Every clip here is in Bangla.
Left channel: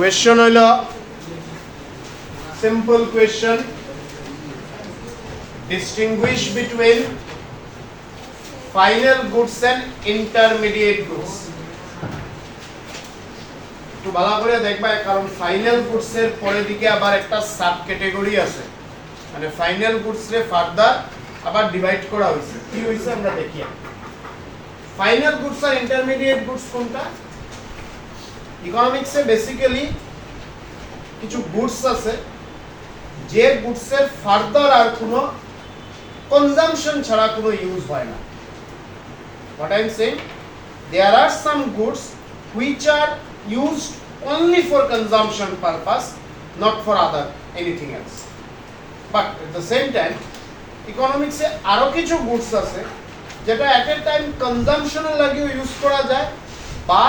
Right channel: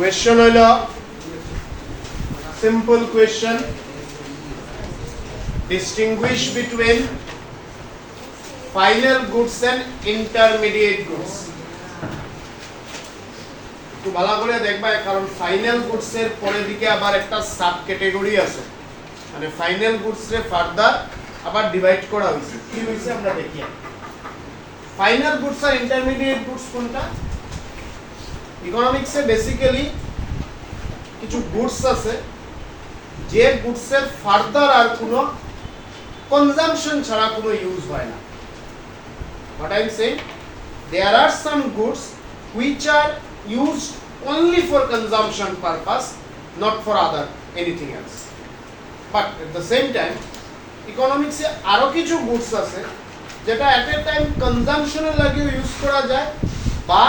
Question হইল simple question. Distinguish between final goods and intermediate goods. তো ভালো করে দেখবা কারণ ফাইনাল গুডস এর পরের দিকে আবার একটা সাব ক্যাটাগরি আছে, মানে ফাইনাল গুডস রে ফার্দার আবার ডিভাইড করা হয়েছে। কি হইছে আমরা দেখি। ফাইনাল গুডস আর ইন্টারমিডিয়েট গুডস কোনটা? ইকোনমিক্সে বেসিক্যালি কিছু গুডস আছে যে গুডসের ফার্দার আর কোনো কনজাম্পশন ছাড়া কোনো ইউজ হয় না। What I am saying, there are some goods which are used only for consumption purpose, not for other anything else. But at the same time, economics এ আরো কিছু গুডস আছে যেটা at a time কনজাম্পশনের লাগি ইউজ করা যায় বা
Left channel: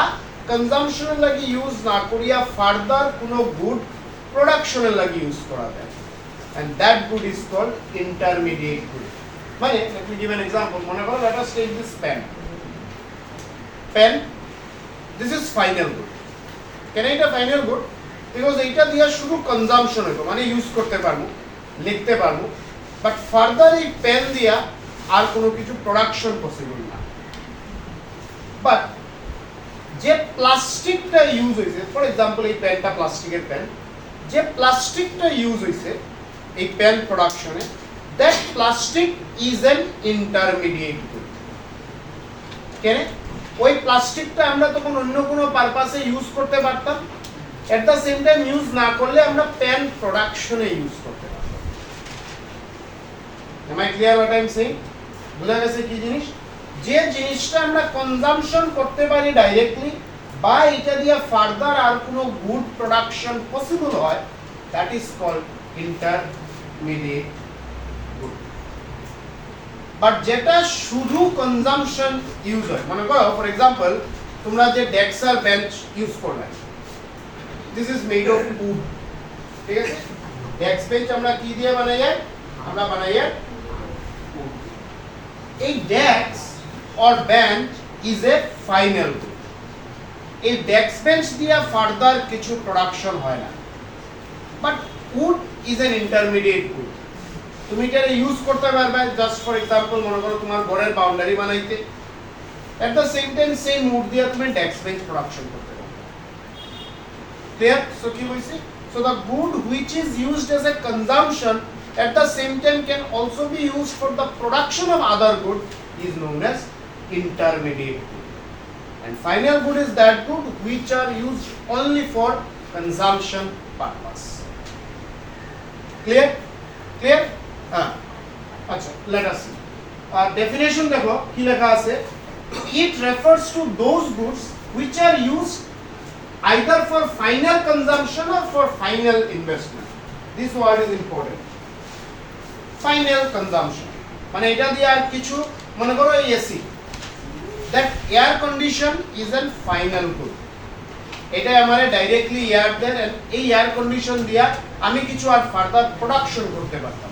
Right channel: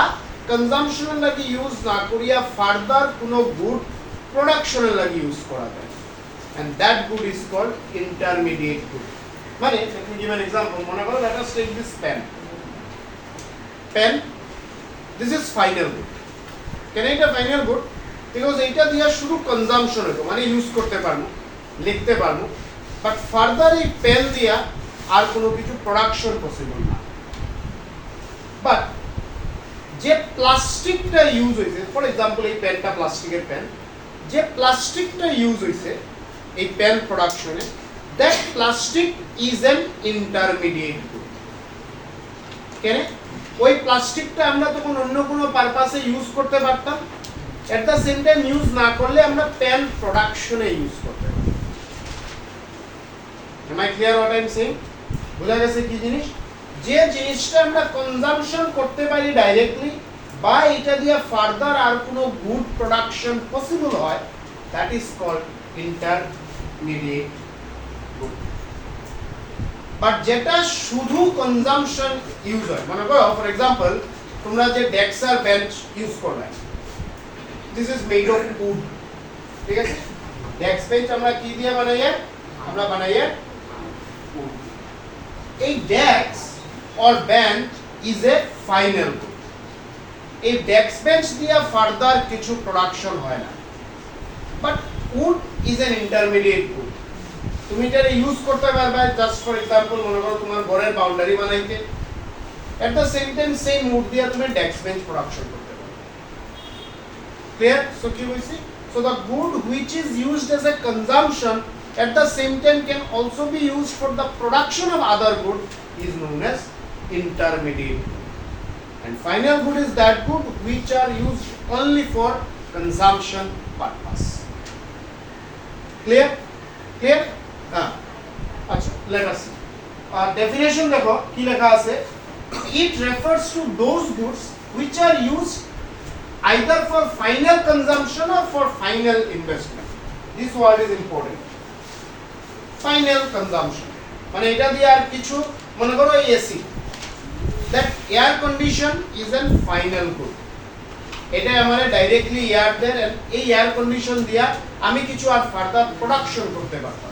কনজাম্পশনের লাগি ইউজ না করিয়া ফার্দার কোনো গুড প্রোডাকশনের লাগি ইউজ করা যায়, and that good is called intermediate good. মানে let me give an example. মনে করো let us take this pen, this is final good. কেন এটা ফাইনাল গুড? বিকজ এইটা দিয়া শুধু কনজাম্পশন হতো, মানে ইউজ করতে পারবো, লিখতে পারবো, বাট ফার্দার এই পেন দিয়া আর কোনো কিছু প্রোডাকশন পসিবল না। বাট যে প্লাস্টিকটা ইউজ হয়েছে, ফর এক্সাম্পল এই পেনটা প্লাস্টিকের পেন, যে প্লাস্টিকটা ইউজ হয়েছে এই পেন প্রোডাকশনে, that plastic is an intermediate good. কেন? ওই প্লাস্টিকটা আমরা তখন অন্য কোনো পারপাসে ইউজ করতে পারতাম, এট দ্য সেম টাইম ইউজ না করলে আমরা পেন প্রোডাকশনে ইউজ করতে পারতাম। Am I clear what I am saying? বুঝা গেছে কি জিনিস? যে জিনিসটা আমরা কনজাম্পশন করতে পারি ডাইরেক্টলি বা এটা দিয়ে ফার্দার আর কোনো গুড প্রোডাকশন পসিবল হয়, that is called intermediate good. But যেটা শুধু কনজাম্পশন ইউজ হয়, মনে করো ফর এক্সাম্পল তোমরা যে ডেস্ক আর বেঞ্চ ইউজ করবে, this is made of wood, ঠিক আছে? ডেস্ক বেঞ্চ আমরা কি দিয়ে বানাই? আমরা বানাই উড। এই desk or bench is a final good. এই ডেস্ক বেঞ্চ দিয়ে ফার্দার কিছু প্রোডাকশন হয় না, but wood is an intermediate good. তুমি এটা ইউজ করতে পারবে জাস্ট ফর এক্সাম্পল মনে করো তোমার ঘরের বাউন্ডারি বানাইতে, at the same time same wood দিয়ে তুমি ডেস্ক বেঞ্চ প্রোডাকশন করতে পারবে। ক্লিয়ার? সো কি বলছি? So the good which is used as a consumption at the same time can also be used for the production of other good is known as intermediate good. And final good is that good which are used only for consumption purpose. Clear? Clear? Acha, let us see. Definition dekho ki lekha ache. It refers to those goods which are used either for final consumption or for final investment. This word is important. Final consumption মানে এটা দিয়ে আর কিছু, মনে করো AC, that air condition is an final good. এটা আমারে ডাইরেক্টলি এয়ার দেয়, এই এয়ার কন্ডিশন দিয়া আমি কিছু আর ফার্দার প্রোডাকশন করতে পারতাম।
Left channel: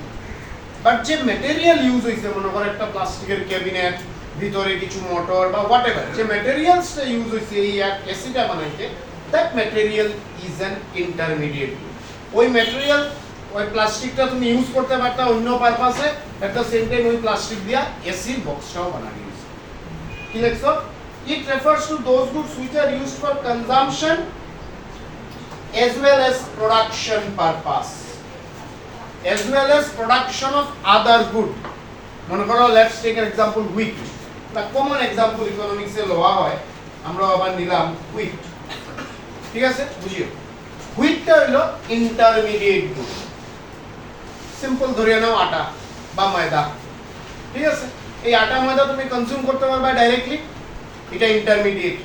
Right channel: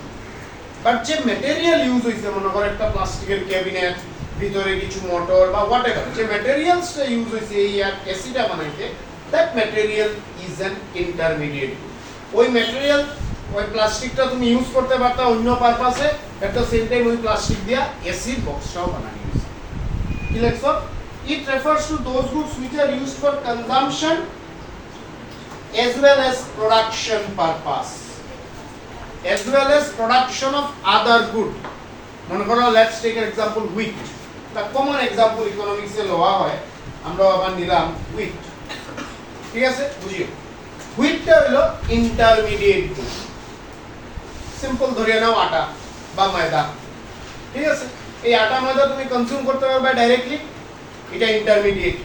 বাট যে ম্যাটেরিয়াল ইউজ হয়েছে, মনে করো একটা প্লাস্টিকের ক্যাবিনেট, ভিতরে কিছু মোটর বা হোয়াট এভার, যে ম্যাটেরিয়ালসটা ইউজ হয়েছে এই এসিটা বানাইতে, that material is an intermediate good. ওই ম্যাটেরিয়াল, ওই প্লাস্টিকটা তুমি ইউজ করতে পারতা অন্য পারপাসে, এট দ্য সেম টাইম ওই প্লাস্টিক দিয়া এসি বক্সটাও বানানো হয়েছে। কি লেখছো? It refers to those goods which are used for consumption as well as production purpose, as well as production of other good. মনে করো let's take an example wheat. The common example economics এ লওয়া হয়, আমরা আবার নিলাম wheat, ঠিক আছে? বুঝিও হুইটটা হলো ইন্টারমিডিয়েট গুড। সিম্পল ধরিয়ে নাও আটা বা ময়দা, ঠিক আছে? এই আটা ময়দা তুমি কনজিউম করতে পারবে ডাইরেক্টলি, এটা ইন্টারমিডিয়েট।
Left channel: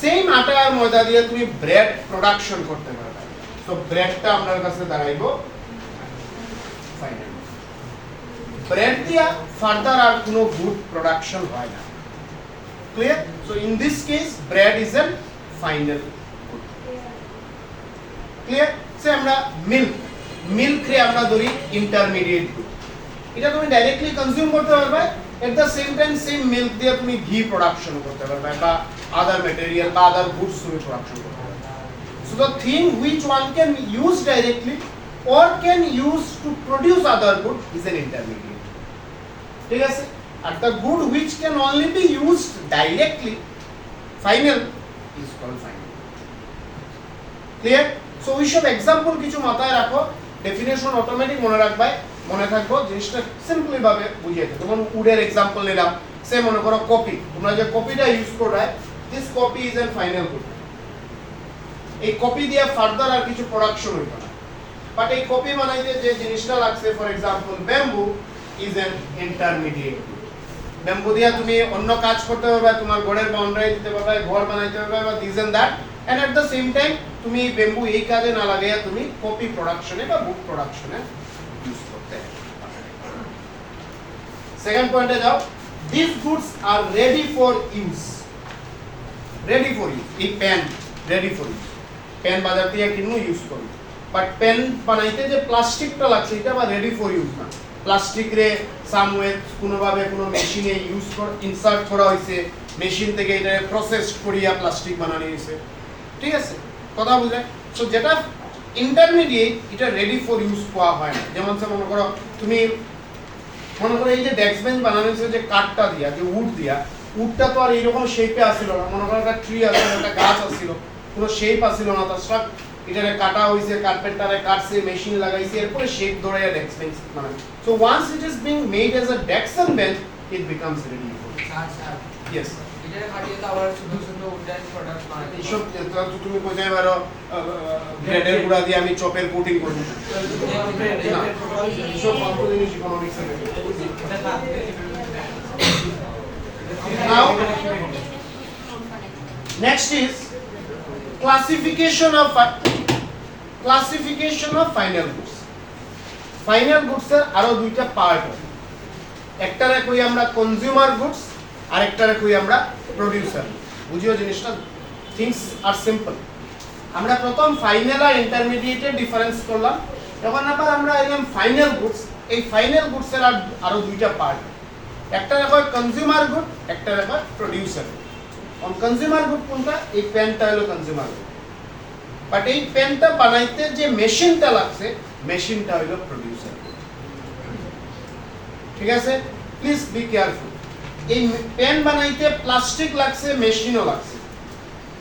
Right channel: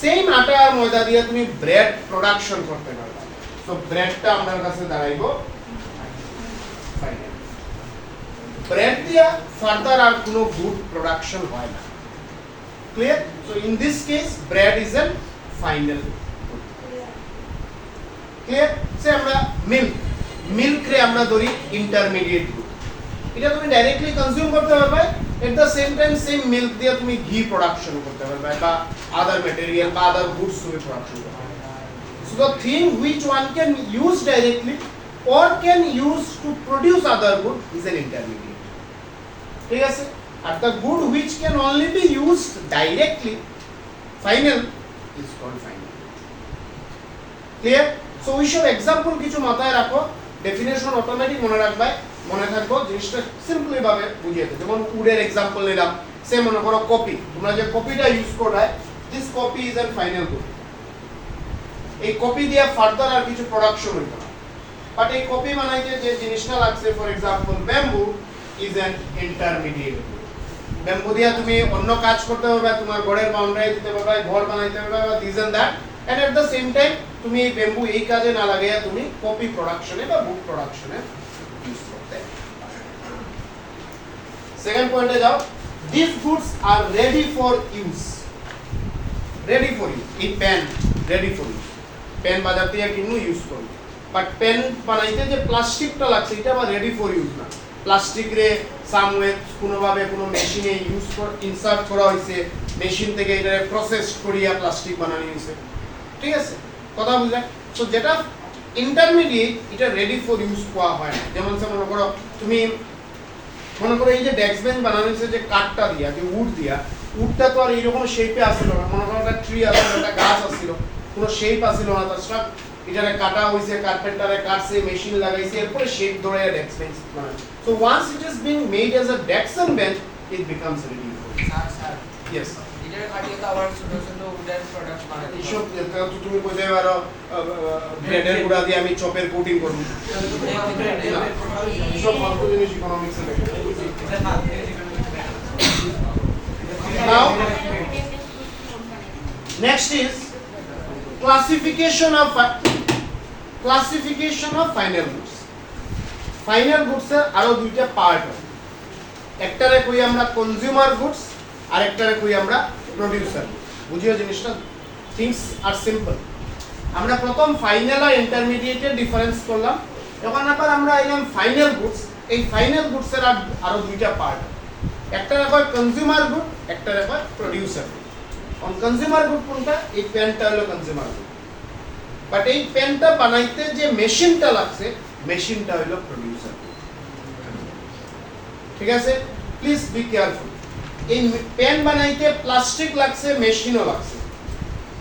সেম আটা আর ময়দা দিয়ে তুমি ব্রেড প্রোডাকশন করতে পারবে, সো ব্রেডটা আপনার কাছে দাঁড়াইবো ফাইনাল। ব্রেড দিয়া ফার্দার আর কোনো গুড প্রোডাকশন হয় না। Clear? So in this case bread is an final good. Clear? So আমরা মিল্ক রে আমরা ধরি ইন্টারমিডিয়েট গুড। এটা তুমি ডাইরেক্টলি কনজিউম করতে পারবে, এট the same time same milk দিয়ে তুমি ঘি প্রোডাকশন করতে পারবে বা আদার ম্যাটেরিয়াল বা আদার গুডস তুমি প্রোডাকশন করতে পারবে। So the thing which one can use directly or can use to produce other good is an intermediate. ঠিক আছে? আর the good which can only be used directly, final, is called final. Clear? So we should example কিছু মাথায় রাখো, definition automatic মনে রাখবে, মনে থাকবো জিনিসটা সিম্পলি ভাবে বুঝিয়ে দেব। যেমন উডের এক্সাম্পল নিলাম, সে মনে করো কপি, তোমরা যে কপিটা ইউজ করবে, this copy is a final good. এই কপি দিয়ে ফার্দার আর কিছু প্রোডাকশন হইতো না, বাট এই কপি বানাইতে যে জিনিসটা লাগছে, for example bamboo is an intermediate good. Bamboo দিয়ে তুমি অন্য কাজ করতে পারবে, তোমার ঘরের বাউন্ডারি দিতে পারবে, ঘর বানাইতে পারবে, this and that, and at the same time তুমি এই ব্যাম্বু এই কাজে না লাগাইয়া তুমি কপি প্রোডাকশনে বা বুক প্রোডাকশনে ইউজ করতে পারবে। সেকেন্ড পয়েন্টে যাও, this goods are ready for use. Ready for use, এই pen ready for use, pen বাজার থেকে কিনবো ইউজ করবো, বাট পেন বানাইতে যে প্লাস্টিকটা লাগছে এটা বা রেডি ফর ইউজ না, প্লাস্টিক রে সামওয়ে কোনোভাবে কোনো মেশিনে ইউজ ইনসার্ট করা হয়েছে, মেশিন থেকে এটা প্রসেস করিয়া প্লাস্টিক বানানো হয়েছে। ঠিক আছে, কথা বুঝলে? তো যেটা ইন্টারমিডিয়েট এটা রেডি ফর ইউজ পাওয়া হয় না। যেমন মনে করো তুমি মনে করো এই যে ডেস্ক বেঞ্চ বানানো হয়েছে যে কাঠটা দিয়া, যে উড দিয়া, উডটা তো আর এইরকম শেপে আসছিল না। মনে করো একটা ট্রি আসছিল, একটা গাছ আসছিল, কোনো শেপ আসছিল না, তার সব এটারে কাটা হইছে, কার্পেন্টারে কাটছে, মেশিন লাগাইছে, এরপরে শেপ ধরে ডেস্ক বেঞ্চ বানায়। So once it is being made as a desk and bench, it becomes ready for আচ্ছা ইয়েস। এটার কাটিয়ে তো আবার ছোট ছোট উডেন প্রোডাক্ট বানাতে এইসব তুমি কোথায় পারো ব্রেডের গুঁড়া দিয়ে আমি চপের কোটিং করব, এইসব ফালতু জিনিস ইকোনমিক্সে দেখো। Now, next is classification of final goods. Final goods এর আরো দুইটা পার্ট আছে, একটারে কই আমরা কনজিউমার গুডস আর একটারে কই আমরা প্রোডিউসার। বুঝিও জিনিসটা, থিংস আর সিম্পল। আমরা প্রথম ফাইনাল আর ইন্টারমিডিয়েটের ডিফারেন্স করলাম, এখন আবার আমরা এলাম ফাইনাল গুডস। এই ফাইনাল গুডস এর আরো দুইটা পার্ট, একটা কয় কনজিউমার গুড, একটা কয় producer good. On consumer good কোনটা? এই পেনটা হলো কনজিউমার গুড, বাট এই পেনটা বানাইতে যে মেশিনটা লাগছে, মেশিনটা হলো প্রোডিউসার গুড। ঠিক আছে, প্লিজ বি কেয়ারফুল। এই পেন বানাইতে প্লাস্টিক লাগছে, মেশিনও লাগছে।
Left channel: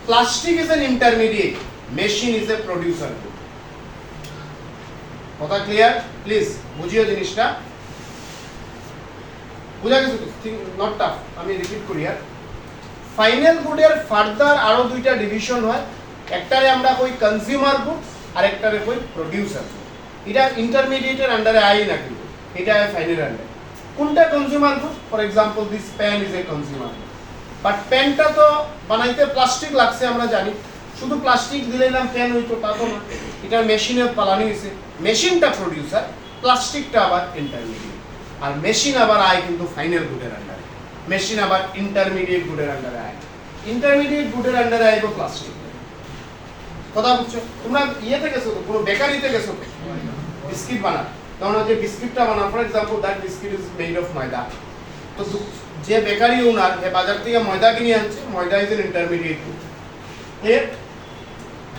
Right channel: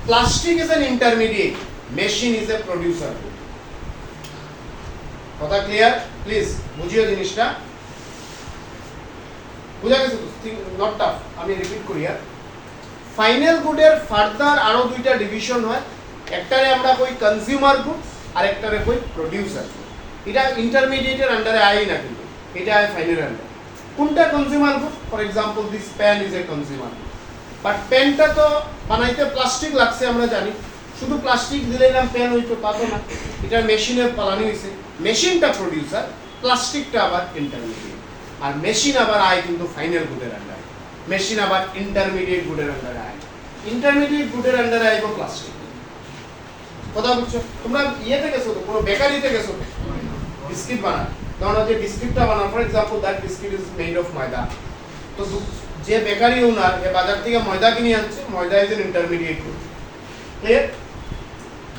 Plastic is an intermediate, machine is a producer good. কথা ক্লিয়ার? প্লিজ বুঝিও জিনিসটা, বুঝা গেছে তো? নট টাফ, আমি রিপিট করি। আর ফাইনাল গুডের ফার্দার আরো দুইটা ডিভিশন হয়, একটারে আমরা কই কনজিউমার গুড আর একটারে কই প্রোডিউসার গুড। এটা ইন্টারমিডিয়েটের আন্ডারে আই না, কিন্তু এটা ফাইনাল আন্ডারে। কোনটা consumer good? For example this pen is a consumer good, but পেনটা তো বানাইতে প্লাস্টিক লাগছে আমরা জানি, শুধু প্লাস্টিক দিলেই নাম পেন হইতো তা তো না, এটা মেশিনে পালানো হয়েছে। মেশিনটা প্রোডিউসার, প্লাস্টিকটা আবার ইন্টারমিডিয়েট। আর মেশিন আবার আয় কিন্তু ফাইনাল গুডের আন্ডারে, মেশিন আবার ইন্টারমিডিয়েট গুডের আন্ডারে আয়। ইন্টারমিডিয়েট গুডের আন্ডারে আইবো প্লাস্টিক। কথা বুঝছো? তোমরা ইয়েতে গেছো তো, কোনো বেকারিতে গেছো তো, বিস্কিট বানায়, তখন যে বিস্কিটটা বানা, for example that biscuit is made of ময়দা। তো যে বেকারি ওনার বাজার থেকে ময়দা কিনে আনছে, ময়দা is an intermediate good,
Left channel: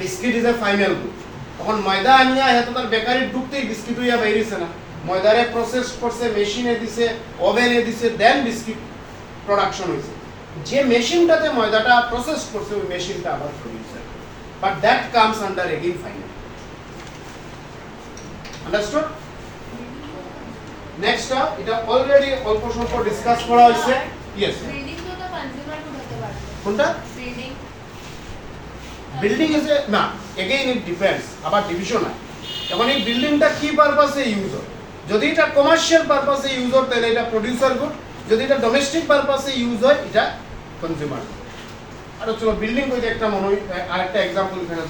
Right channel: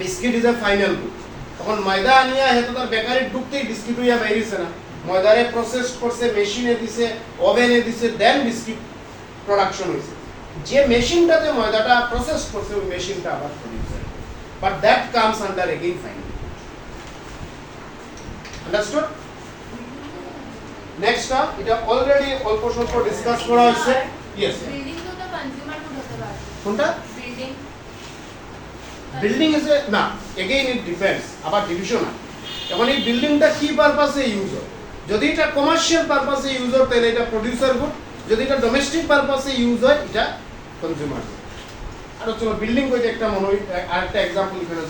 biscuit is a final good. তখন ময়দা আনিয়া হয়তো তার বেকারি ঢুকতেই বিস্কিট হইয়া বেরিয়েছে না, ময়দারে প্রসেস করছে, মেশিনে দিছে, ওভেনে দিছে, দেন বিস্কিট প্রোডাকশন হয়েছে। যে মেশিনটাতে ময়দাটা প্রসেস করছে, ওই মেশিনটা আবার producer, but that comes under again final. Understood? Next এটা অলরেডি অল্প স্বল্প ডিসকাস করা হয়েছে। ইয়েস, বিল্ডিং তো কনজিউমার গুড হতে পারে। কোনটা? বিল্ডিং বিল্ডিং ইজ এ না, এগেইন ইট ডিপেন্ডস, আবার ডিভিশন হয়। এখন এই বিল্ডিংটা কি পারপাসে ইউজ হয়? যদি এটা কমার্শিয়াল পারপাসে ইউজ হয় তাহলে এটা প্রোডিউসার গুড, যদি এটা ডোমেস্টিক পারপাসে ইউজ হয় এটা কনজিউমার গুড। আর চলো বিল্ডিং কইতে একটা আরেকটা এক্সাম্পল এখানে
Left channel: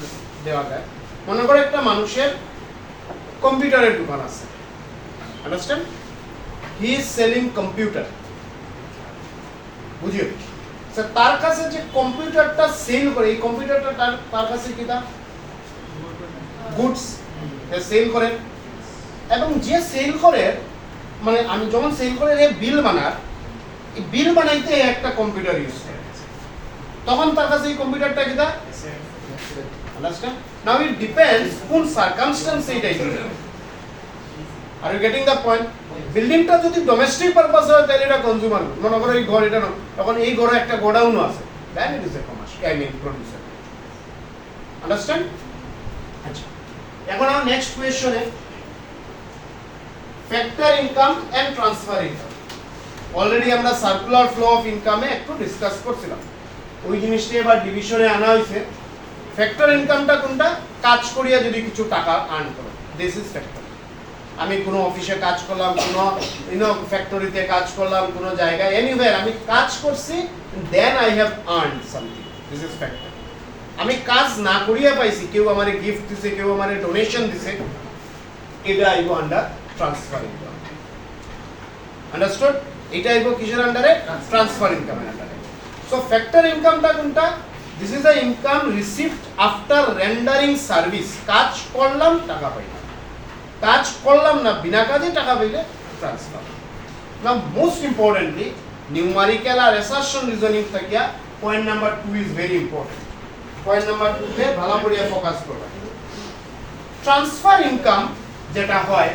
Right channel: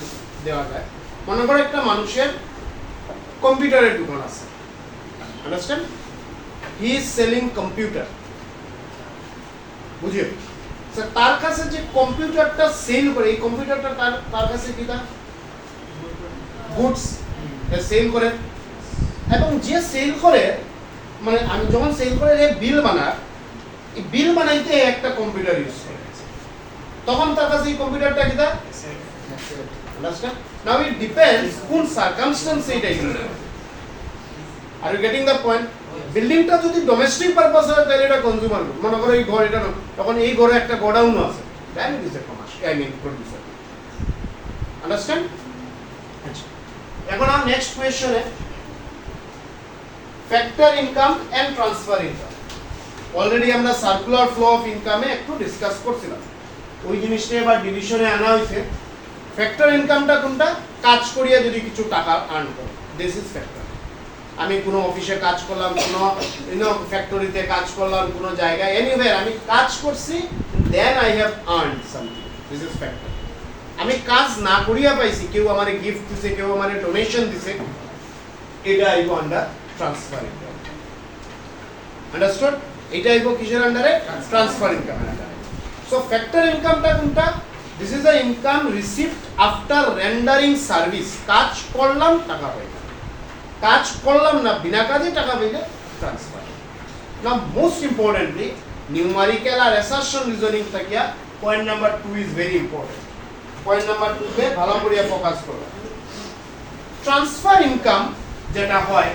দেওয়া যায়। মনে করো একটা মানুষের কম্পিউটারের দোকান আছে, understand? He is selling computer, বুঝিও? তার কাছে যে কম্পিউটারটা সেল করে, এই কম্পিউটারটা তার কাছে কি তা গুডস সেল করে, এবং যে সেল করে, মানে আমি যখন সেল করে যে বিল বানায়, এই বিল বানাইতে একটা কম্পিউটার ইউজ করে, তখন তার কাছে এই কম্পিউটারটা কি তা Understand? Now it depends কোন সার্কামস্ট্যান্স এটা use. Are you getting the point? বিল্ডিংটা যদি ডোমেস্টিক পারপাস হয় তাহলে এটা কনজিউমার গুড। মনে করো এই ঘর এটা না, তখন এই ঘরে একটা গোডাউন আছে, then it is a commercial, I mean producer. Understand? আচ্ছা, এখন আমরা নেক্সট কোয়েশ্চনে factor income and transfer income. Already আমরা সার্কুলার ফ্লো অফ ইনকামে একটু ডিসকাস করছিলাম, ওই জিনিসটা এবার ডিভিশনে আনা হয়েছে। ফ্যাক্টর ইনকামটা কোনটা? কাজ করিয়া যদি কিছু টাকা আর্ন করো, দিস ইজ ফ্যাক্টর। আমি কোনো অফিসে কাজ করলাম, কোনো ফ্যাক্টরিতে কাজ করলাম, কোনো জায়গায় এনিওয়্যার আমি কাজ করছি, then I have earned something, this is factor. আমি কাজ না করিয়া পাইছি, কেউ আমারে গিফট দিছে, কেউ আমারে ডোনেশন দিছে, এটা আইব আন্ডার ট্রান্সফার ইনকাম। আন্ডারস্টুড? এটা আইব কিসের আন্ডারে? ট্রান্সফার ইনকামের আন্ডারে। সো ফ্যাক্টর ইনকামটা কোনটা? This is the income received after rendering service. কাজ করলাম, টাকা পাইলাম। কাজ করলাম না, বিনা কাজে টাকা পাইলে ট্রান্সফার। নাও মোস্ট ইম্পর্টেন্টলি নিউমারিক্যাল আর অ্যাসারশন রিজনিং থাকিয়া point number 2 is very important. Point number 2 তে ভালো করে ফোকাস করো। ট্রান্সফার ইনকাম যেটা হয়,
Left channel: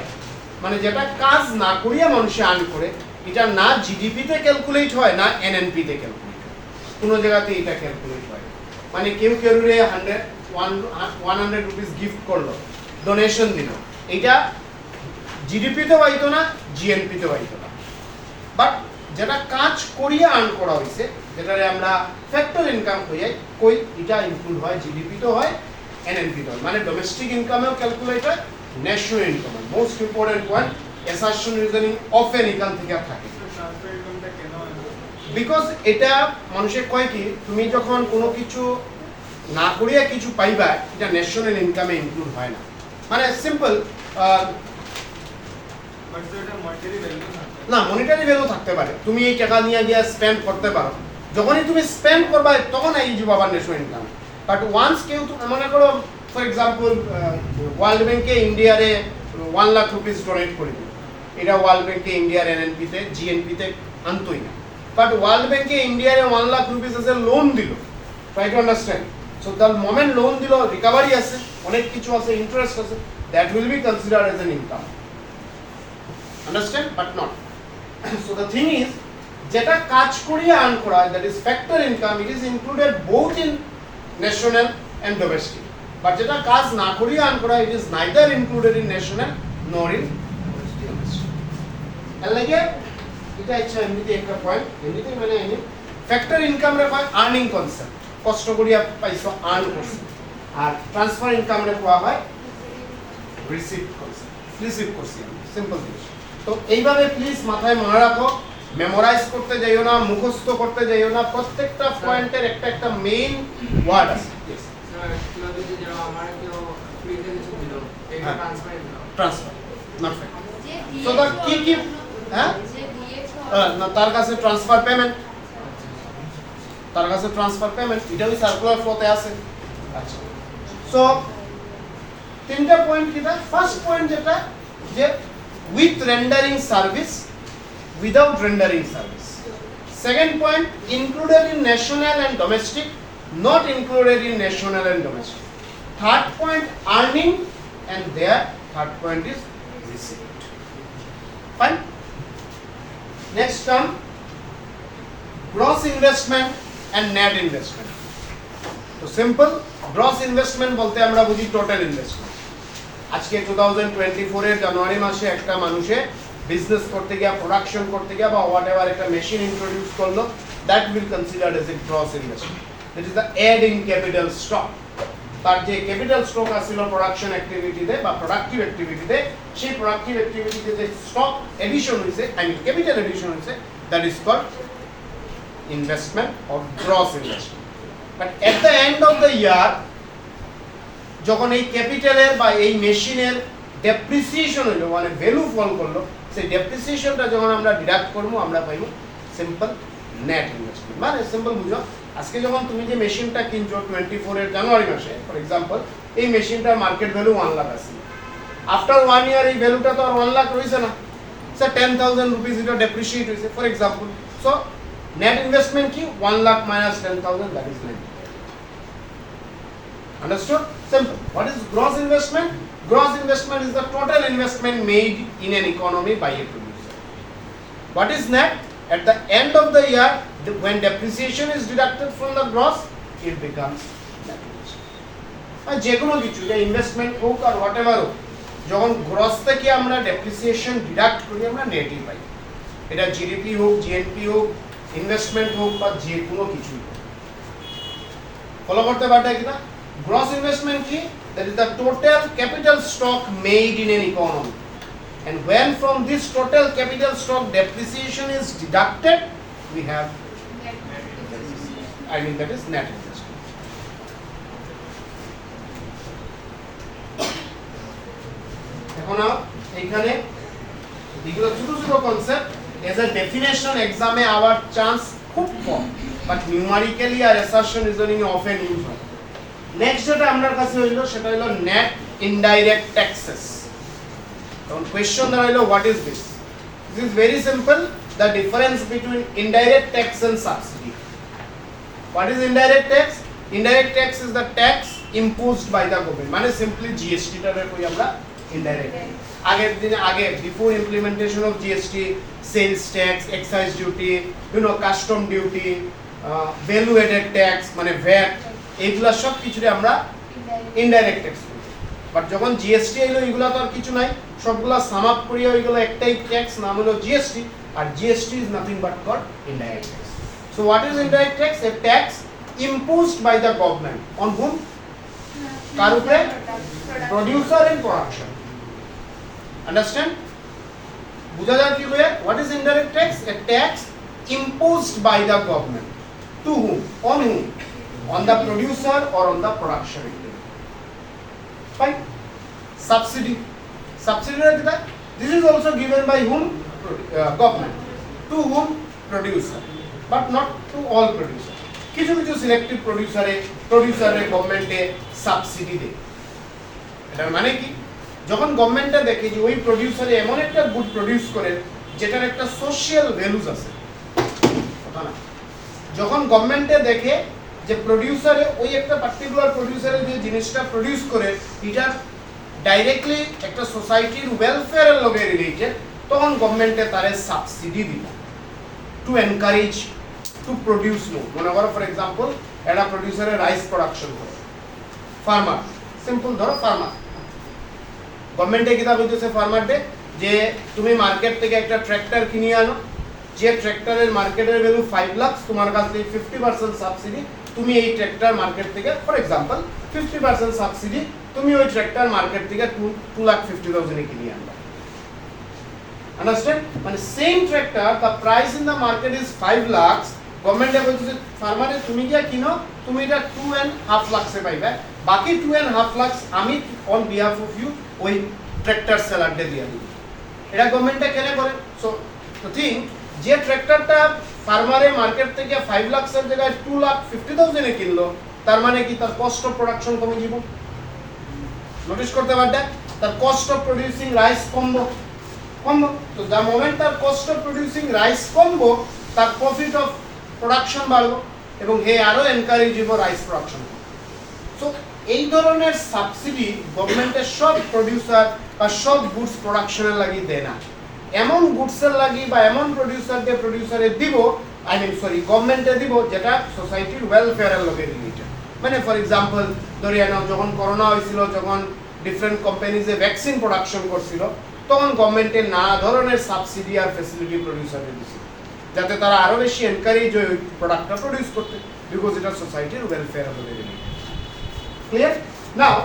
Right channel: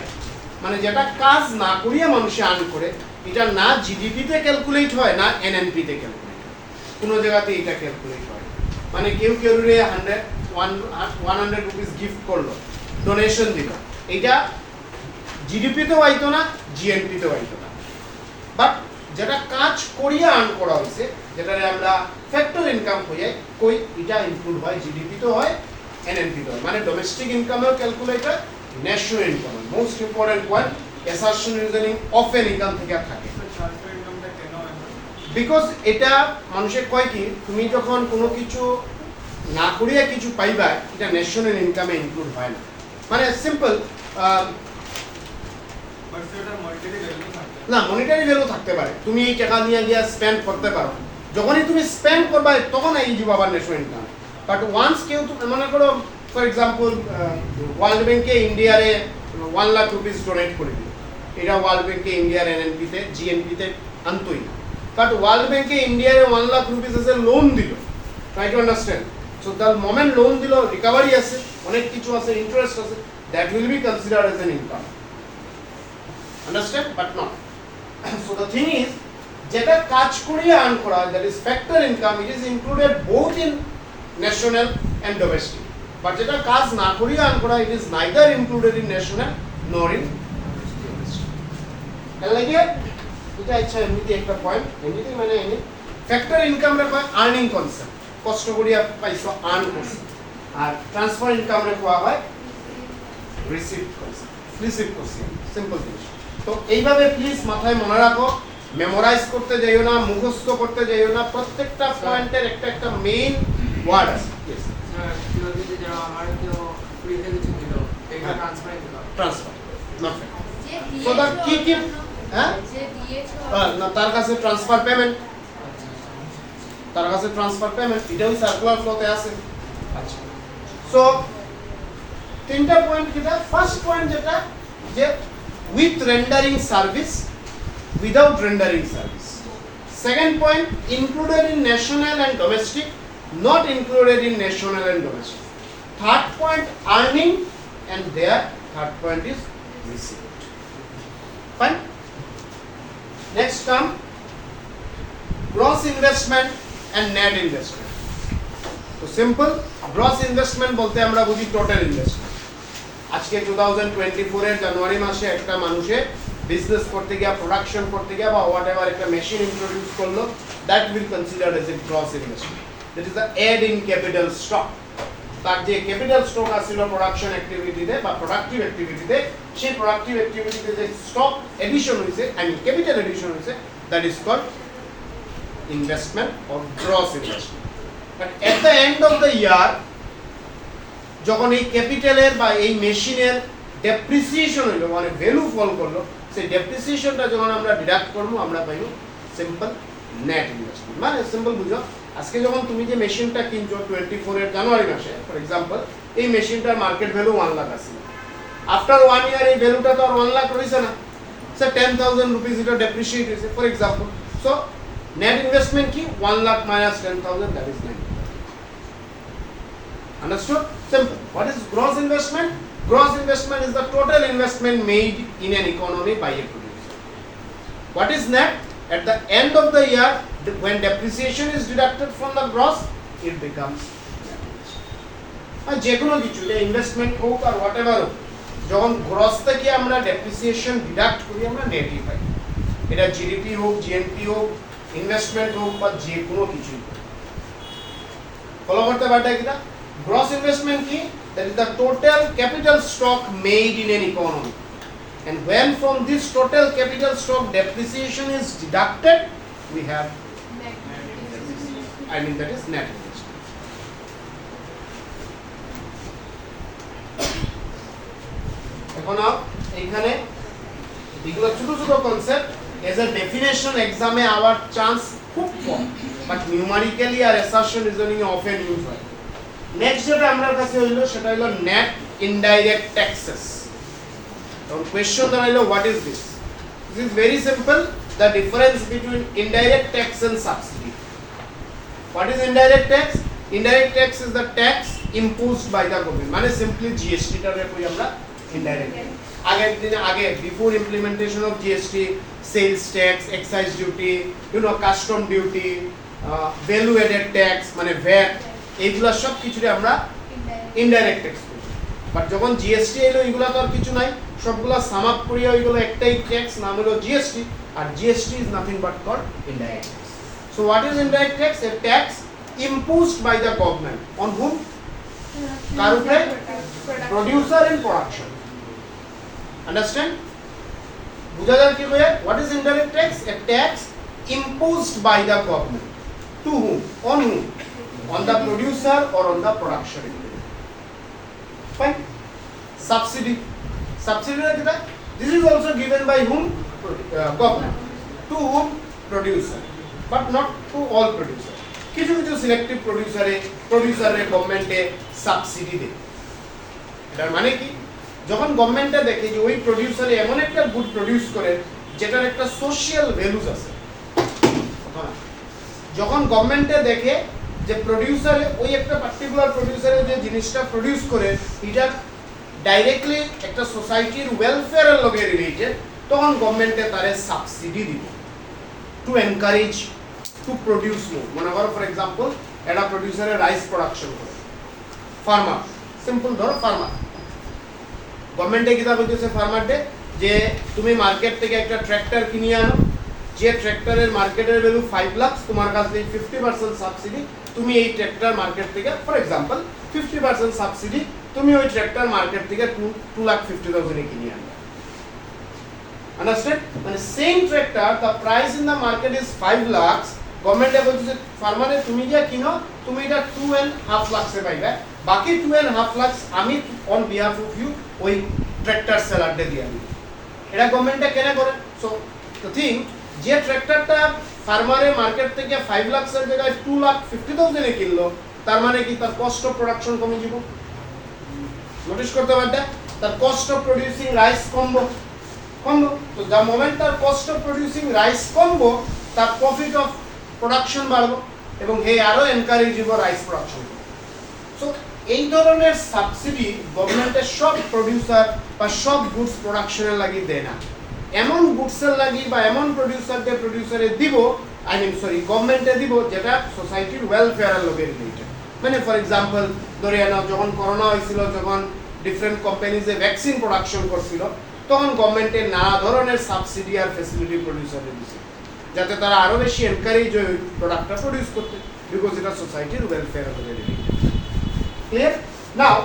মানে যেটা কাজ না করিয়া মানুষ আর্ন করে, এটা না জিডিপি তে ক্যালকুলেট হয়, না এনএনপি তে ক্যালকুলেট হয়, কোনো জায়গাতে এটা ক্যালকুলেট হয়। মানে কেউ রে 100 রুপিস গিফট করলো, ডোনেশন দিল, এটা জিডিপিতে পাইতো না, জিএনপিতে পাইতো না। বাট যেটা কাজ করিয়া আর্ন করা হয়েছে, যেটারে আমরা ফ্যাক্টর ইনকাম কই, এটা ইনক্লুড হয়, জিডিপিতে হয়, এনএনপিতে হয়, মানে ডোমেস্টিক ইনকামেও ক্যালকুলেট হয়, national income. Most important point, assertion reasoning often এখান থেকে থাকে। বিকজ এটা মানুষের কয় কি, তুমি যখন কোনো কিছু না করিয়া কিছু পাইবা, এটা ন্যাশনাল ইনকামে ইনক্লুড হয় না। মানে সিম্পল না, মনিটারি ভ্যালু থাকতে পারে, তুমি এই টাকা নিয়ে গিয়ে স্পেন্ড করতে পারো, যখনই তুমি স্পেন্ড করবা তখন এই যে বাবার ন্যাশনাল ইনকাম। বাট ওয়ান্স কেউ মনে করো ফর এক্সাম্পল ওয়ার্ল্ড ব্যাংকে ইন্ডিয়ারে 1 লাখ রুপিস ডোনেট করে দিল, এটা ওয়ার্ল্ড ব্যাংকে ইন্ডিয়ার এনএনপিতে জিএনপিতে আনতোই না। বাট ওয়ার্ল্ড ব্যাংকে ইন্ডিয়ারে 1 লাখ রুপিস আছে লোন দিল, try to understand. So the moment loan দিল, রিকভারি আছে, অনেক কিছু আছে, ইন্টারেস্ট আছে, that will be considered age N income. Understand? But not. So the thing is, যেটা কাজ করিয়া আর্ন করা হয়, that is factor income, it is included both in national and domestic. But যেটা কাজ না করিয়া আর্ন করা, it is neither included in national nor in domestic. তাহলে লাগিয়া এটা ইচ্ছা এমনিতে একটা পয়েন্ট, এমনিতে মানে এনে ফ্যাক্টর ইনকাম রে হয় আর্নিং কনসেপ্ট, কষ্ট করিয়া পাইছো আর্ন করছো, আর ট্রান্সফার ইনকাম রে কোয়া হয় রিসিভ কনসেপ্ট, রিসিভ করছি, সিম্পল জিনিস। তো এইভাবে প্লিজ মাথায় মনে রাখো, মেমোরাইজ করতে যাইও না, মুখস্থ করতে যাইও না, প্রত্যেকটা পয়েন্টের একটা একটা মেইন ওয়ার্ড আছে। Transfer not factor. So the কি হ্যাঁ না, তার কাছে ট্রান্সফার পেমেন্ট, তার কাছে ট্রান্সফার পেমেন্ট, এটাও সার্কুলার ফ্লোতে আছে। আচ্ছা, সো তিনটা পয়েন্ট কিটা? ফার্স্ট পয়েন্ট যেটা যে with rendering service, without rendering service. Second point, included in national and domestic, not included in national and domestic. Third point, earning, and there third point is receipt. Fine. Next term, gross investment and net investment. So simple, gross investment বলতে আমরা বুঝি total investment. আজকে 2024 এর জানুয়ারি মাসে একটা মানুষের বিজনেস করতে গিয়া, প্রোডাকশন করতে গিয়া বা হোয়াটএভার একটা মেশিন ইন্ট্রোডিউস করলো, that will considered as a gross investment. That is the add in capital stock. তার যে ক্যাপিটাল স্টক আছিল প্রোডাকশন অ্যাক্টিভিটিতে বা প্রোডাক্টিভ অ্যাক্টিভিটিতে, সেই প্রোডাক্টিভ অ্যাক্টিভিটিতে যে স্টক এডিশন হয়েছে, আই মিন ক্যাপিটাল এডিশন হয়েছে, that is called investment or gross investment. But at the end of the year, যখন এই ক্যাপিটালের বা এই মেশিনের ডেপ্রিসিয়েশন হইলো, মানে ভ্যালু ফল করলো, সেই ডেপ্রিসিয়েশনটা যখন আমরা ডিডাক্ট করবো, আমরা পাইব সিম্পল নেট ইনভেস্টমেন্ট। মানে সিম্পল বুঝো, আজকে যখন তুমি যে মেশিনটা কিনছো 24 এর জানুয়ারি মাসে ফর এক্সাম্পল, এই মেশিনটার মার্কেট ভ্যালু 1 লাখ আছে। আফটার 1 ইয়ার এই ভ্যালুটা তো আর 1 লাখ রয়েছে না, স্যার 10,000 রুপিস এটা ডেপ্রিসিয়েট হয়েছে for example. So net investment কি? 1 lakh minus 10,000, that is 9। Understood? Simple. What is gross investment? Gross investment is the total investment made in an economy by a producer. What is net? At the end of the year, when depreciation is deducted from the gross, it becomes net investment. যে কোনো কিছু ইনভেস্টমেন্ট হোক আর হোয়াট এভার হোক, যখন গ্রস থেকে আমরা ডেপ্রিসিয়েশন ডিডাক্ট করি আমরা নেটই পাই। এটা জিডিপি হোক, জিএনপি হোক, ইনভেস্টমেন্ট হোক বা যে কোনো কিছুই হোক। ফলো করতে পারটা কিনা? গ্রস ইনভেস্টমেন্ট কি? That is the total capital stock made in an economy, and when from this total capital stock depreciation is deducted, we have that is net investment. এখন এইখানে এগুলো ছোট ছোট কনসেপ্ট, এজ আ ডেফিনেশন এক্সামে আওয়ার চান্স খুব কম, বাট নিউমারিক্যালি আর অ্যাসারশন রিজনিং এ অফেন ইউজ হয়। নেক্সট যেটা আমার কাছে হইলো সেটা হলো নেট ইনডাইরেক্ট ট্যাক্সেস। এখন কোয়েশ্চন দেওয়া হলো what is this? This is very simple, the difference between indirect tax and subsidy. What is indirect tax? Indirect tax is the tax imposed by the government. মানে simply GST টারে কই আমরা indirect. আগে before implementation of GST, sales tax, excise duty, custom duty, value added tax মানে VAT, এইগুলা সব কিছুরে আমরা indirect tax করি। বাট যখন GST এলো এগুলা তো আর কিছু নাই, সবগুলা সাম আপ করিয়া ওইগুলো একটাই ট্যাক্স, নাম হলো GST, R GST is nothing but called indirect tax. So what is indirect tax? A tax imposed by the government on whom? কার উপরে? Producer and production. Understand? বুঝা যায় কি ভাই? What is indirect tax? A tax imposed by the government. To whom? On whom? On the producer or on the production. Fine. Subsidy. Subsidy is that? This is also given by whom? Government. To whom? Producer. But not to all producers. কিছু কিছু সিলেক্টিভ প্রোডিউসারে গভর্নমেন্টে সাবসিডি দেয়। এটার মানে কি? যখন গভর্নমেন্টটা দেখে যে ওই প্রোডিউসারে এমন একটা গুড প্রোডিউস করে যেটার একটা সোশ্যাল ভ্যালুজ আছে, যখন গভর্নমেন্টে দেখে যে প্রোডিউসারে ওই একটা পার্টিকুলার প্রোডিউসারে যে জিনিসটা প্রোডিউস করে এটা ডাইরেক্টলি একটা সোসাইটির ওয়েলফেয়ারের লগে রিলেটেড, তখন গভর্নমেন্টে তারে সাবসিডি দিব to encourage to produce more. মনে করো ফর এক্সাম্পল একটা প্রোডিউসারে রাইস প্রোডাকশন করে, ফার্মার, সিম্পল ধরো ফার্মার, গভর্নমেন্টে কি তা বলতেছে ফার্মারকে যে তুমি মার্কেট থেকে একটা ট্র্যাক্টর কিনে আনো, যে ট্র্যাক্টরের মার্কেটের ভ্যালু 5 লাখ, তোমার কাছ থেকে 50% সাবসিডি, তুমি এই ট্র্যাক্টর মার্কেট থেকে ফর এক্সাম্পল 50% সাবসিডি, তুমি ওই ট্র্যাক্টর মার্কেট থেকে 2,50,000 এ কিনে আনবে। Understand? মানে same tractor, the price in the market is 5 lakhs, গভর্নমেন্টে বলতেছে ফার্মারে তুমি যা কিনো তুমি এটা 2.5 লাখে পাইবে, বাকি 2.5 লাখ আমি অন বিহাফ অফ ইউ ওই ট্র্যাক্টর সেলারকে দিয়ে দিব। এটা গভর্নমেন্টে কেন করে? সো দ্য থিং, যে ট্র্যাক্টরটা ফার্মারে মার্কেট থেকে 5 লাখের জায়গায় 2,50,000 এ কিনলো, তার মানে কি তার কস্ট অফ প্রোডাকশন কমে যাব। নোটিস করতে পারবে তার কস্ট অফ প্রোডিউসিং রাইস কমবো। তো দ্য মোমেন্ট তার কস্ট অফ প্রোডিউসিং রাইস কমবো, তার প্রফিট অফ প্রোডাকশন বাড়বো এবং হে আরো এনকারেজ হইব রাইস প্রোডাকশন। সো এই ধরনের সাবসিডি গভর্নমেন্টের সব প্রোডিউসার বা সব গুডস প্রোডাকশনের লাগি দেয় না, এমন গুডসের লাগি বা এমন প্রোডিউসারে দিব, গভর্নমেন্টে দিব যেটা সোসাইটির ওয়েলফেয়ারের লগে রিলেটেড। মানে ফর এক্সাম্পল ধরে নাও যখন করোনা হয়েছিল, যখন ডিফারেন্ট কোম্পানিজে ভ্যাকসিন প্রোডাকশন করছিল, তখন গভর্নমেন্টের নানা ধরনের সাবসিডি আর ফ্যাসিলিটি প্রোডিউসারে দিচ্ছে যাতে তারা আরো বেশি এনকারেজ হয় প্রোডাক্টটা প্রোডিউস করতে, বিকজ এটা সোসাইটির ওয়েলফেয়ার হবে related. Clear? Now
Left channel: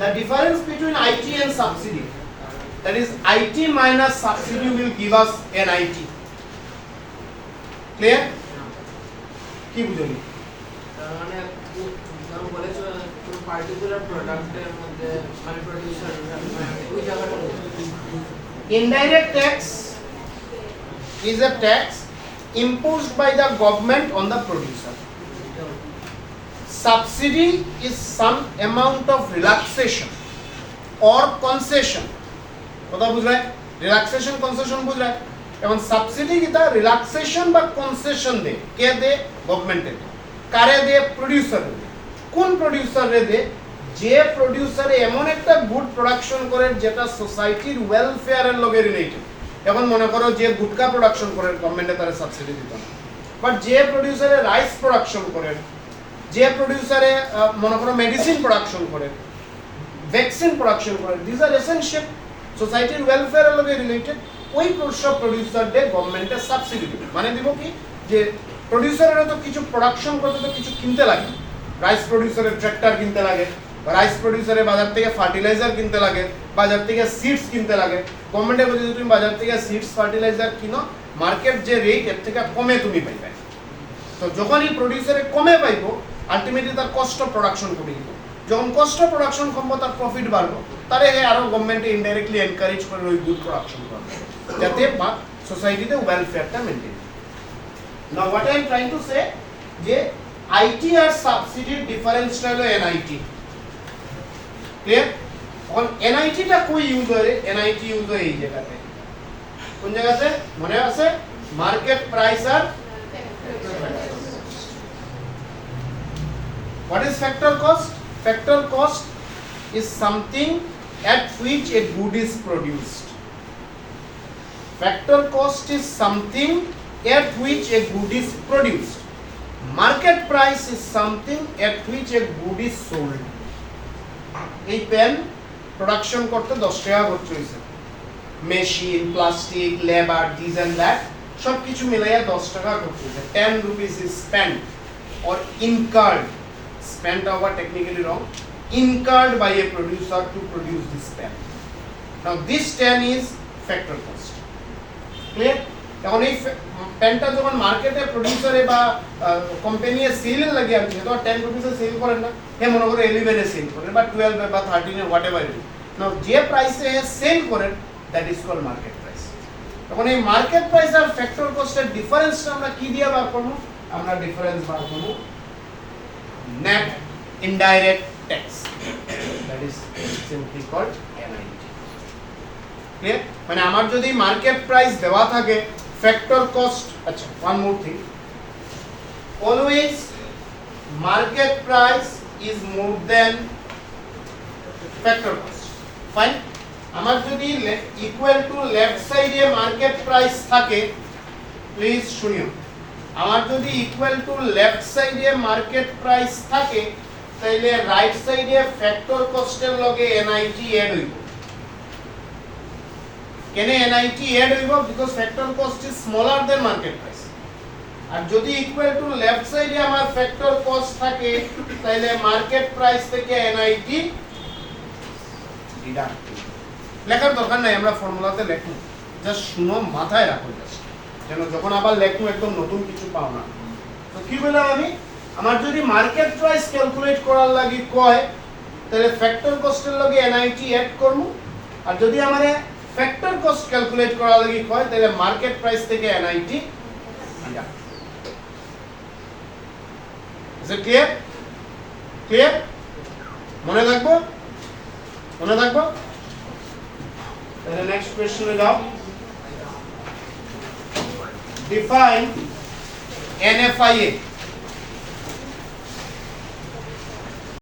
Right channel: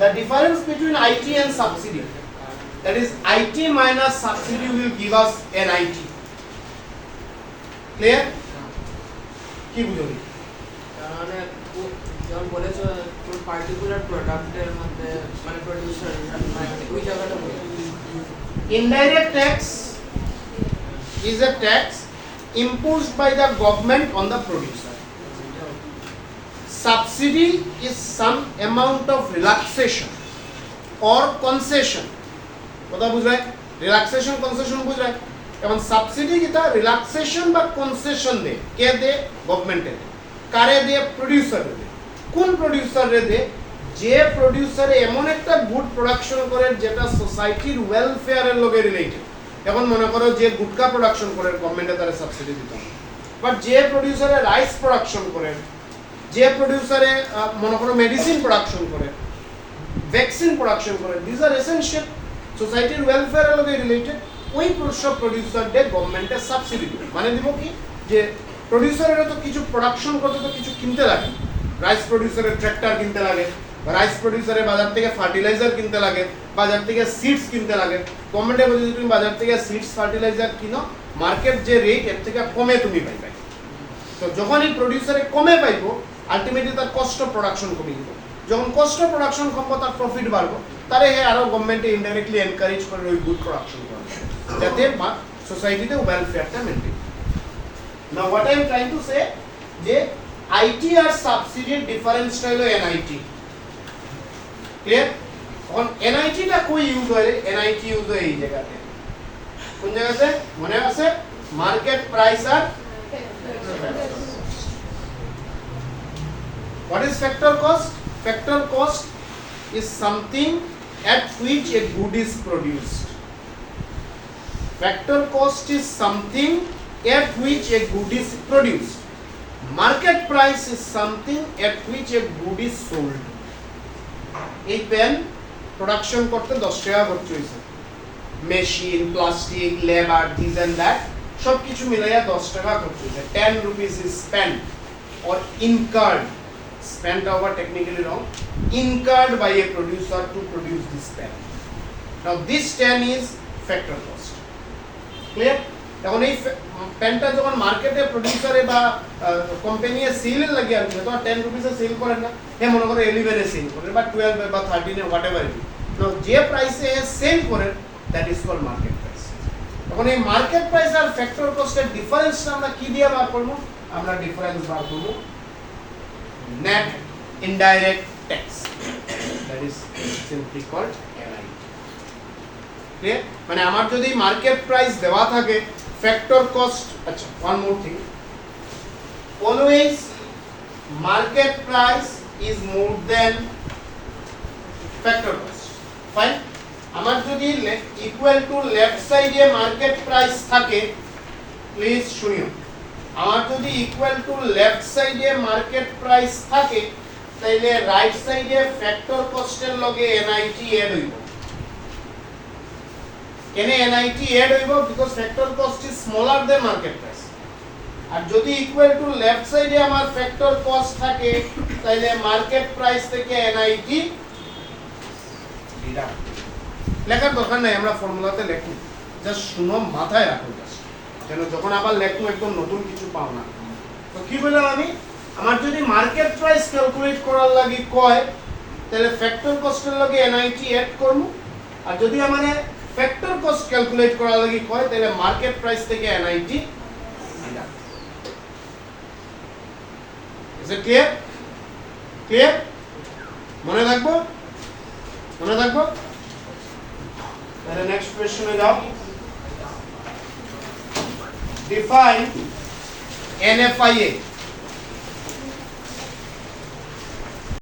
the difference between IT and subsidy, that is IT minus subsidy will give us NIT. Clear? কি বুঝলি? মানে যেমন বলেছো কোন পার্টিকুলার প্রোডাক্টের মধ্যে মানে প্রোডিউসার ওই জায়গাটা Indirect tax is a tax imposed by the government on the producer. Subsidy is some amount of relaxation or concession. কথা বুঝলে? রিল্যাক্সেশন কনসেশন বুঝলে? এখন সাবসিডি কিটা রিল্যাক্সেশন বা কনসেশন দে, কে দে? গভর্নমেন্টে। কারে দে? প্রোডিউসার দে। কোন প্রোডিউসারে দে যে প্রোডিউসারে এমন একটা গুড প্রোডাকশন করে যেটা সোসাইটির ওয়েলফেয়ারের লগে রিলেটেড। এখন মনে করো যে গুটকা প্রোডাকশন করে গভর্নমেন্টে তারা সাবসিডি দিত না, বাট যে প্রোডিউসারে রাইস প্রোডাকশন করে, যে প্রোডিউসারে মনে করো মেডিসিন প্রোডাকশন করে, ভ্যাকসিন প্রোডাকশন করে, দিস আর এসেনশিয়াল সোসাইটির ওয়েলফেয়ারের লগে রিলেটেড, ওই সব প্রোডিউসারদের গভর্নমেন্টে সাবসিডি দিবে। মানে দিব কি যে প্রোডিউসারেরা তো কিছু প্রোডাকশন করতে তো কিছু কিনতে লাগে, রাইস প্রোডিউসারের ট্র্যাক্টর কিনতে লাগে, রাইস প্রোডিউসারের বাজার থেকে ফার্টিলাইজার কিনতে লাগে, বাজার থেকে সিডস কিনতে লাগে। গভর্নমেন্টে বলছে তুমি বাজার থেকে সিডস ফার্টিলাইজার কিনো, মার্কেট যে রেট এর থেকে কমে তুমি পাইবে। তো যখন এই প্রোডিউসারে কমে পাইবো, আলটিমেটলি তার কষ্ট প্রোডাকশন কমে দিব। যখন কষ্ট প্রোডাকশন কমবো, তার প্রফিট বাড়বো, তারে আরো গভর্নমেন্টে ইনডাইরেক্টলি এনকারেজ করে ওই গুড প্রোডাকশন করবে, যাতে সোসাইটিতে ওয়েলফেয়ারটা maintain. Now what I am trying to say যে আইটি আর সাবসিডির ডিফারেন্সটা হলো এনআইটি। ক্লিয়ার? এখন এনআইটিটা কই ইউজ হয়? এনআইটি ইউজ হয় এই জায়গাতে। কোন জায়গাতে মনে আছে? মার্কেট প্রাইস আর what is factor cost? Factor cost is something at which a good is produced. Factor cost is something at which a good is produced. Market price is something at which a good is sold. এই পেন প্রোডাকশন করতে 10 টাকা খরচ হয়েছে, machine, plastic, labour, this and that সব কিছু মিলাইয়া 10 টাকা খরচ হয়েছে। 10 rupees is spent or incurred, spent over technically wrong, incurred by a producer to produce this pen. Now this 10 is factor cost. Clear? তখন এই পেনটা যখন মার্কেটে প্রোডিউসারে বা কোম্পানিয়ে সেল লাগে আনছে, তো 10 রুপিসে সেল করেন না, হে মনে করো 11 এ সেল করেন বা 12 বা 13 এ whatever it is. Now যে প্রাইসে সেল করেন that is called market price. তখন এই মার্কেট প্রাইস আর ফ্যাক্টর কস্টের ডিফারেন্সটা আমরা কি দিয়ে বার করব? আমরা ডিফারেন্স বার করব net indirect tax, that is simply called NIT. Clear? মানে আমার যদি মার্কেট প্রাইস দেওয়া থাকে, ফ্যাক্টর কস্ট, আচ্ছা one more thing, always market price is more than factor cost. Fine? আমার যদি ইকুয়াল টু লেফট সাইডে মার্কেট প্রাইস থাকে, প্লিজ শুনিও, আমার যদি ইকুয়াল টু লেফট সাইডে মার্কেট প্রাইস থাকে, তাইলে রাইট সাইডে ফ্যাক্টর কস্টের লগে এনআইটি এড হইব। কেন এনআইটি এড হইব? Because factor cost is smaller than market price. আর যদি ইকুয়াল টু লেফট সাইডে আমার ফ্যাক্টর কস্ট থাকে, তাইলে মার্কেট প্রাইস থেকে এনআইটি ডিডাক্ট। লেখার দরকার নাই, আমরা ফর্মুলাতে লেখুন, জাস্ট শুনো, মাথায় রাখুন, যেন যখন আবার লেখুন একদম নতুন কিছু পাও না। তো কি বললাম আমি? আমার যদি মার্কেট প্রাইস ক্যালকুলেট করার লাগি কয়, তাহলে ফ্যাক্টর কস্টের লগে এনআইটি এড করব। আর যদি আমারে ফ্যাক্টর কস্ট ক্যালকুলেট করার লাগি কয়, তাহলে মার্কেট প্রাইস থেকে NIT deduct. Is it clear? Clear? মনে থাকবো? মনে থাকবো? তাহলে নেক্সট কোশ্চেনে যাও। Define NFIA.